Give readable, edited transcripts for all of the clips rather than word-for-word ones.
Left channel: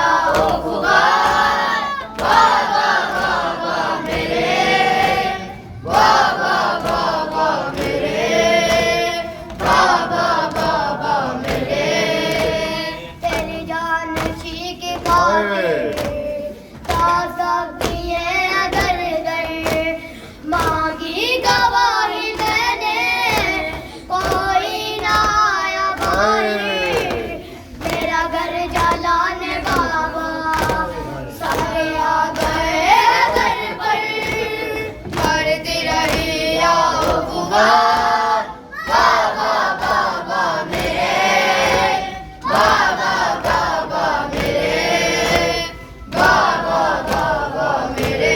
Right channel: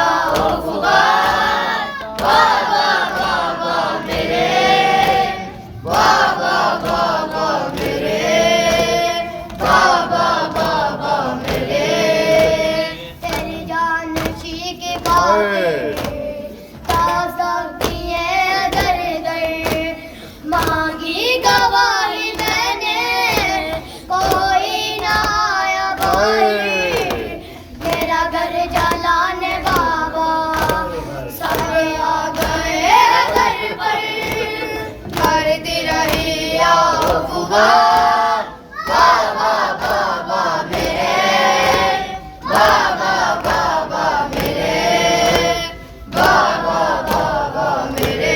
आओ खुदा बाबा बाबा मेरे बाबा बाबा मेरे बाबा बाबा मेरे तेरी जान शी के खातिर मांगी गवाही मैंने कोई ना आया भाई मेरा घर जलाने बाबा सारे आ गए घर पर करती रही आओ पुकार बाबा बाबा मेरे बाबा बाबा मेरे बाबा बाबा मेरे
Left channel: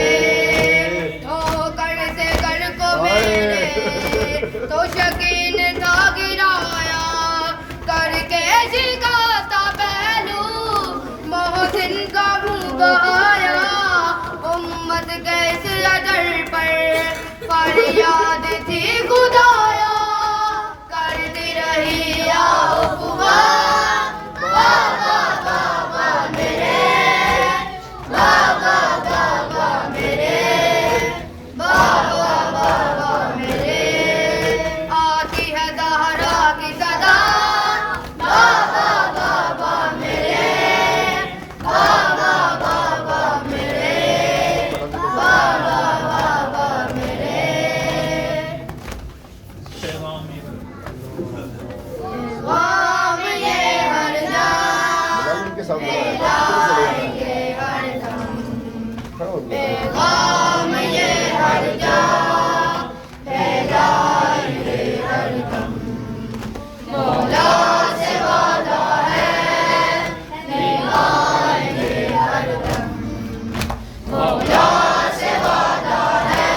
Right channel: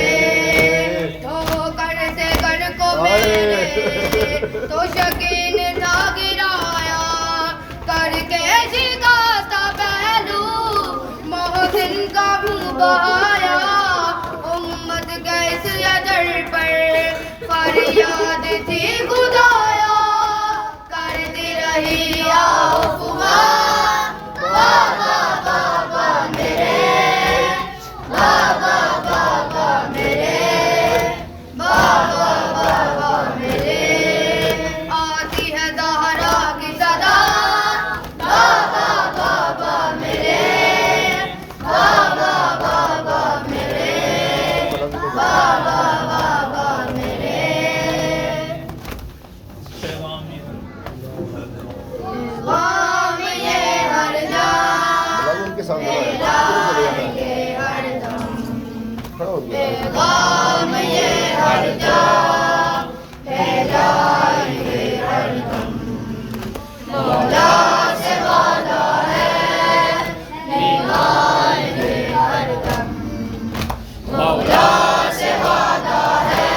तो शकीन था गिराया करके जिगाता पहलू मोहसिन का मुंह बहाया उम्मत के इस अजर पर फरियाद थी खुदाया करती रही आओ पुकार बाबा बाबा मेरे बाबा बाबा मेरे बाबा बाबा मेरे आती है दहरा की सदा बाबा बाबा मेरे बाबा बाबा मेरे बाबा बाबा मेरे गाम ये हर जा लाएंगे हरदम गाम ये हर जा लाएंगे हरदम मौला से वादा है निभाएंगे हरदम मौला से वादा है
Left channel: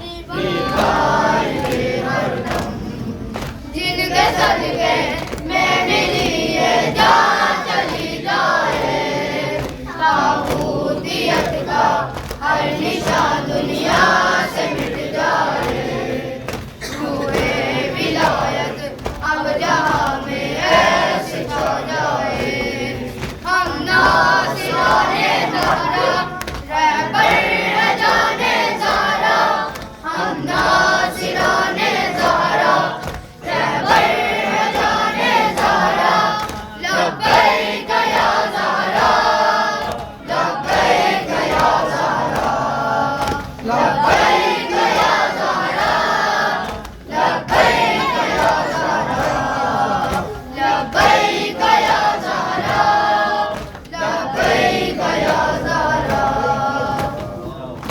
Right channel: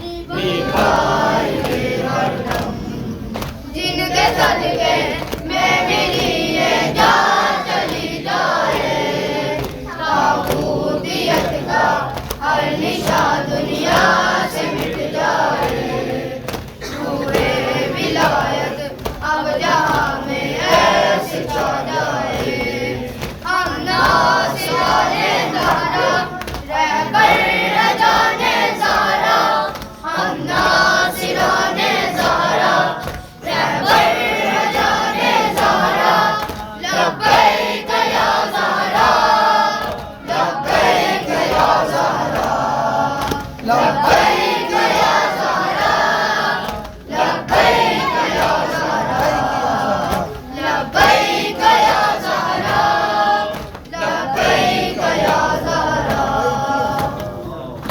निभाएंगे हरदम जिनके सदके